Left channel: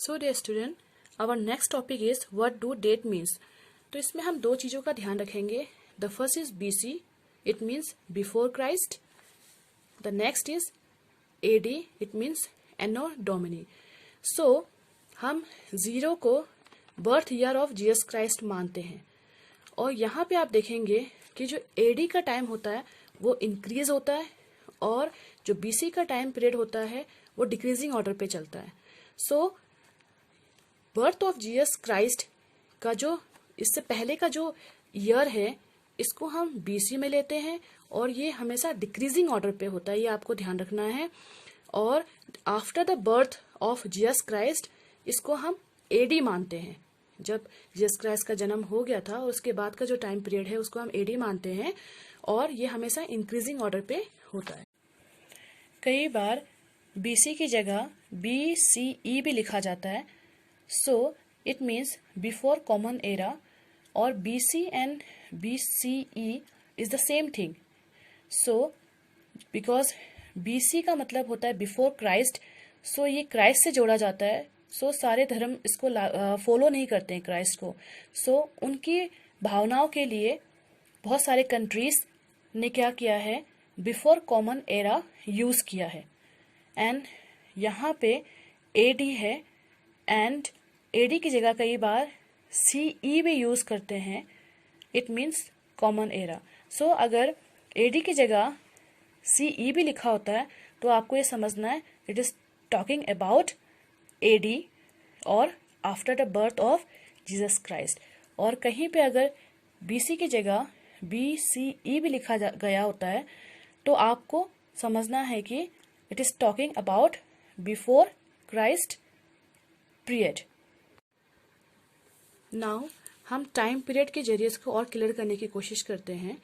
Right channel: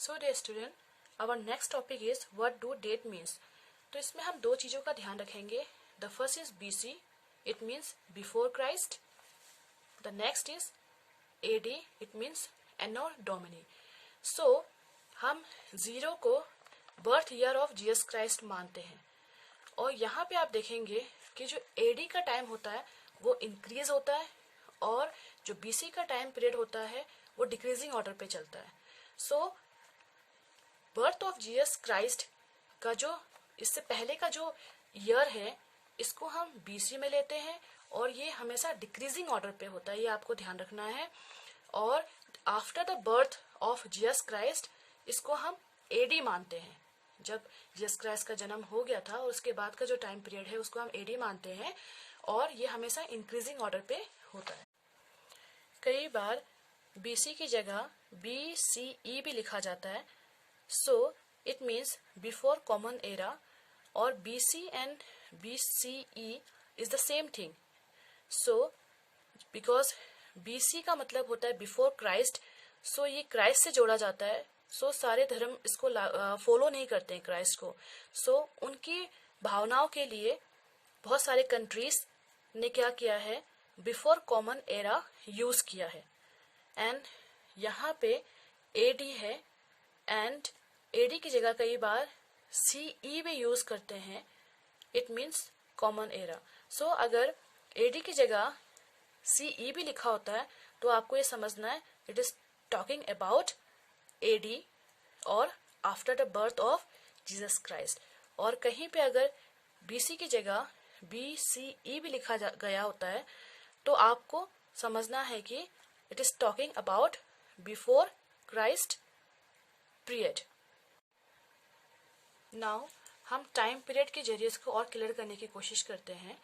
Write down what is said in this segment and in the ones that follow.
So dear student, our next topic is what do date means. तो इसमें हम दो चीज़ों का ध्यान रखेंगे। The first is BC, it means before Christ. The next is AD, it means anno domini. So हम zero को birth year of Jesus Christ मानते हैं, और यहाँ पे आप देखेंगे कि जो AD का टाइम होता है वो इंक्रीज होता है, और जो BC का टाइम पीरियड होता है वो डिक्रीजिंग ऑर्डर पे चलता है। सो बर्थ ऑफ जीसस क्राइस्ट का जो इससे पहले का जो ईयर है इसको हम BC में लेते हैं, और ये हमेशा डिक्रीजिंग ऑर्डर पे होता है, ये आपको ध्यान रखना है। और after the birth of Jesus Christ इसको हम AD मानते हैं। जब जीसस क्राइस्ट का जन्म हो गया था और उसके बाद का जो टाइम पीरियड है उसको हम AD मानते हैं, और ये हमेशा इंक्रीजिंग ऑर्डर पे होता है। कई बार BC की जगह BCE भी लिखा जाता है। So it means before common era, or BC and BCE is the same thing. So because BC का मतलब होता है बिफोर क्राइस्ट, सो ये क्राइस्ट से जोड़ा जाता है। सो सारे धर्म इसको फॉलो नहीं करते हैं क्राइस्ट को। सो उनकी भावनाओं के लिए बहुत सारे कंट्रीज ने क्या किया है, बिफोर कॉमन एरा यूज किया है। एंड यहाँ पे AD है, एंड AD की जगह कई बार CE भी यूज करते हैं, इट मीन्स कॉमन एरा। सो अगर AD की जगह CE भी लिखा होता है तो आपको ये समझना है it is talking about AD और after the birth of Jesus Christ. और कहीं पे अगर BC की जगह BCE भी लिखा गया होता है तो आपको समझना है कि it is talking about before Christ period. Now हम टाइम पीरियड के जरिए इसको और क्लियर करने की कोशिश करते हैं।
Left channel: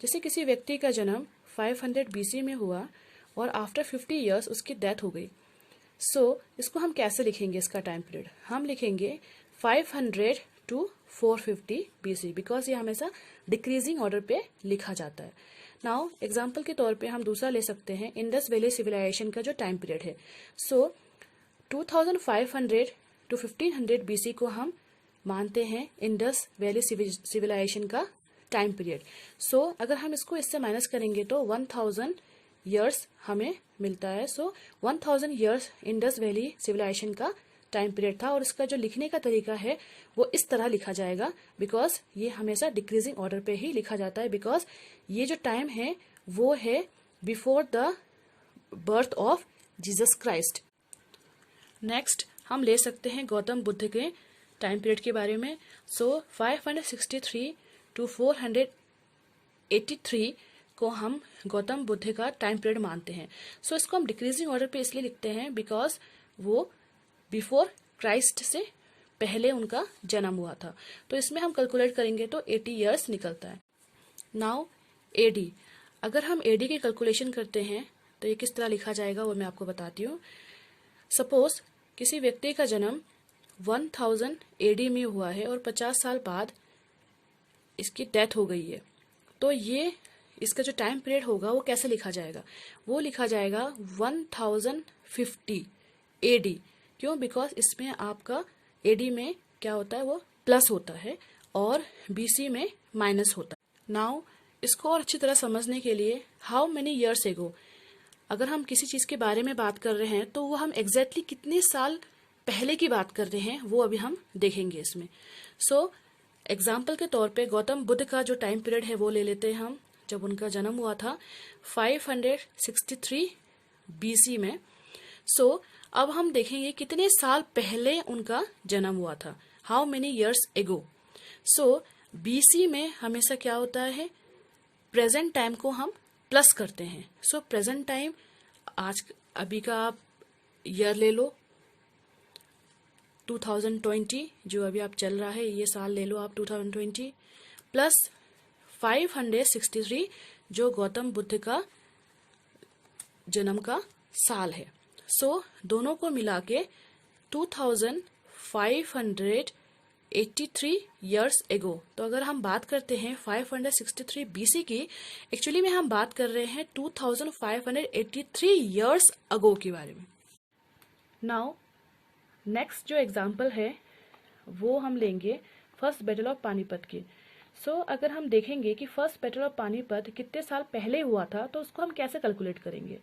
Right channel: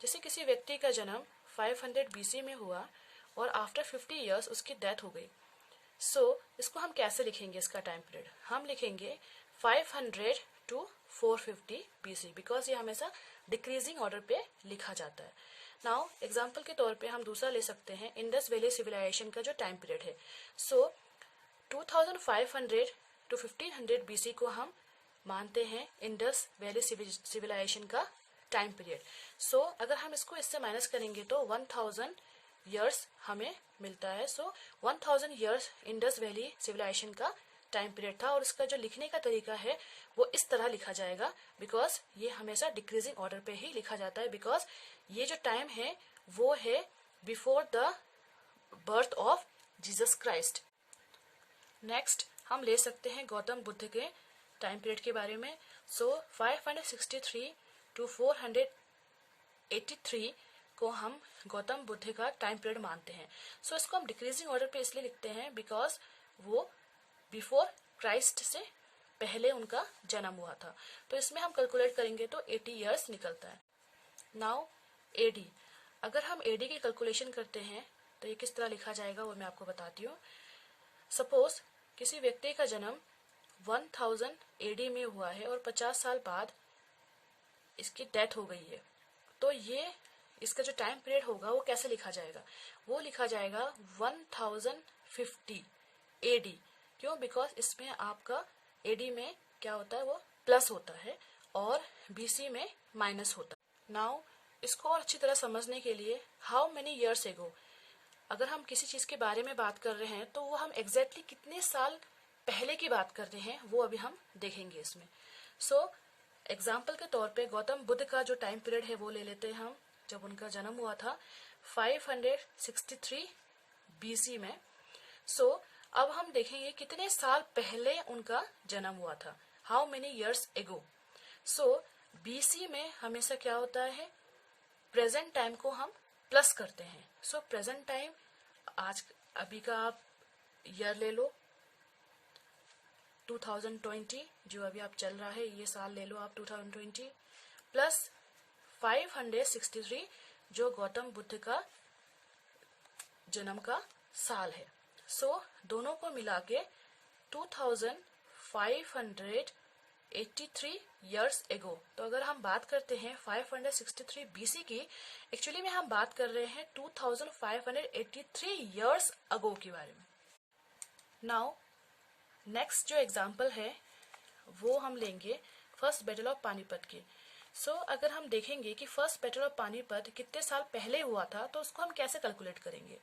जैसे किसी व्यक्ति का जन्म 500 BC में हुआ और आफ्टर 50 ईयर्स उसकी डेथ हो गई। सो इसको हम कैसे लिखेंगे, इसका टाइम पीरियड हम लिखेंगे 500 to 450 BC, बिकॉज ये हमेशा डिक्रीजिंग ऑर्डर पे लिखा जाता है। नाउ एग्जाम्पल के तौर पे हम दूसरा ले सकते हैं, इंडस वैली सिविलाइजेशन का जो टाइम पीरियड है। सो 2500 to 1500 BC को हम मानते हैं इंडस वैली सिविलाइजेशन का टाइम पीरियड। सो अगर हम इसको इससे माइनस करेंगे तो 1000 ईयर्स हमें मिलता है। सो 1000 ईयर्स इंडस वैली सिविलाइजेशन का टाइम पीरियड था, और इसका जो लिखने का तरीका है वो इस तरह लिखा जाएगा, बिकॉज ये हमेशा डिक्रीजिंग ऑर्डर पे ही लिखा जाता है, बिकॉज ये जो टाइम है वो है before the birth of Jesus Christ. Next हम ले सकते हैं गौतम बुद्ध के टाइम पीरियड के बारे में। सो 563 to 483 को हम गौतम बुद्ध का टाइम पीरियड मानते हैं। सो इसको हम डिक्रीजिंग ऑर्डर पे इसलिए लिखते हैं बिकॉज वो बिफोर क्राइस्ट से पहले उनका जन्म हुआ था। तो इसमें हम कैलकुलेट करेंगे तो 80 ईयर्स निकलता है। नाउ AD, अगर हम AD की कैलकुलेशन करते हैं तो ये किस तरह लिखा जाएगा वो मैं आपको बताती हूँ। सपोज किसी व्यक्ति का जन्म 1000 AD में हुआ है और 50 साल बाद इसकी डेथ हो गई है, तो ये इसका जो टाइम पीरियड होगा वो कैसे लिखा जाएगा, वो लिखा जाएगा 1050 AD। क्यों? बिकॉज इसमें आपका AD में क्या होता है, वो प्लस होता है और BC में माइनस होता है। नाउ इसको और अच्छी तरह समझने के लिए हाउ मेनी ईयर्स एगो, अगर हम किसी चीज़ के बारे में बात कर रहे हैं तो वो हम एग्जैक्टली कितने साल पहले की बात कर रहे हैं वो अभी हम देखेंगे इसमें। सो एग्जाम्पल के तौर पे गौतम बुद्ध का जो टाइम पीरियड है वो ले लेते हैं हम, जब उनका जन्म हुआ था 563 BC में। सो अब हम देखेंगे कितने साल पहले उनका जन्म हुआ था, how many years ago. So BC में हमेशा क्या होता है, प्रेजेंट टाइम को हम प्लस करते हैं। सो प्रेजेंट टाइम आज अभी का आप ईयर ले लो 2020, जो अभी आप चल रहा है ये साल ले लो आप 2020, प्लस 563 जो गौतम बुद्ध का जन्म का साल है। सो दोनों को मिला के 2583 ईयर्स एगो। तो अगर हम बात करते हैं 563 BC की, एक्चुअली में हम बात कर रहे हैं 2583 ईयर्स अगो के बारे में। नाउ नेक्स्ट जो एग्जाम्पल है वो हम लेंगे फर्स्ट बैटल ऑफ पानीपत की। सो अगर हम देखेंगे कि फर्स्ट बैटल ऑफ पानीपत कितने साल पहले हुआ था तो उसको हम कैसे कैलकुलेट करेंगे।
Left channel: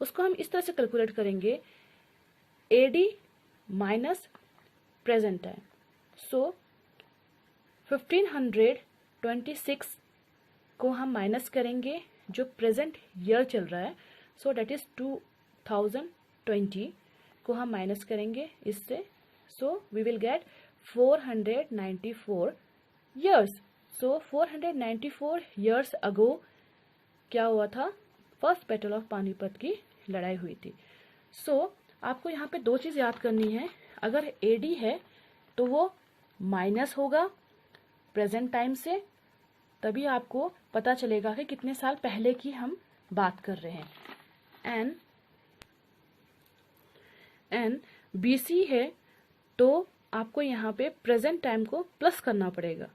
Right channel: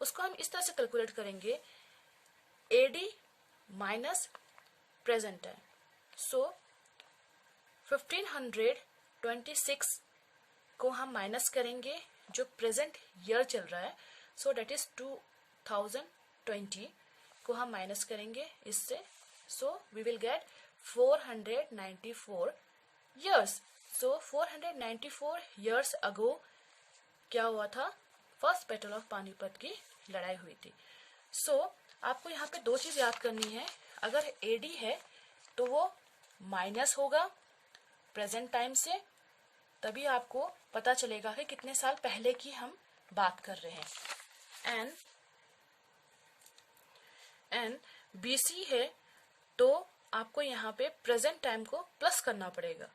उसको हम इस तरह से कैलकुलेट करेंगे, AD माइनस प्रेजेंट टाइम। सो 1526 को हम माइनस करेंगे जो प्रेजेंट ईयर चल रहा है, सो डेट इज 2020 को हम माइनस करेंगे इससे, so we will get 494 years। So 494 years ago क्या हुआ था, फर्स्ट बैटल ऑफ पानीपत की लड़ाई हुई थी। सो आपको यहाँ पे दो चीज याद करनी है, अगर AD है तो वो माइनस होगा प्रेजेंट टाइम से, तभी आपको पता चलेगा कि कितने साल पहले की हम बात कर रहे हैं। एंड BC है तो आपको यहाँ पे प्रेजेंट टाइम को प्लस करना पड़ेगा।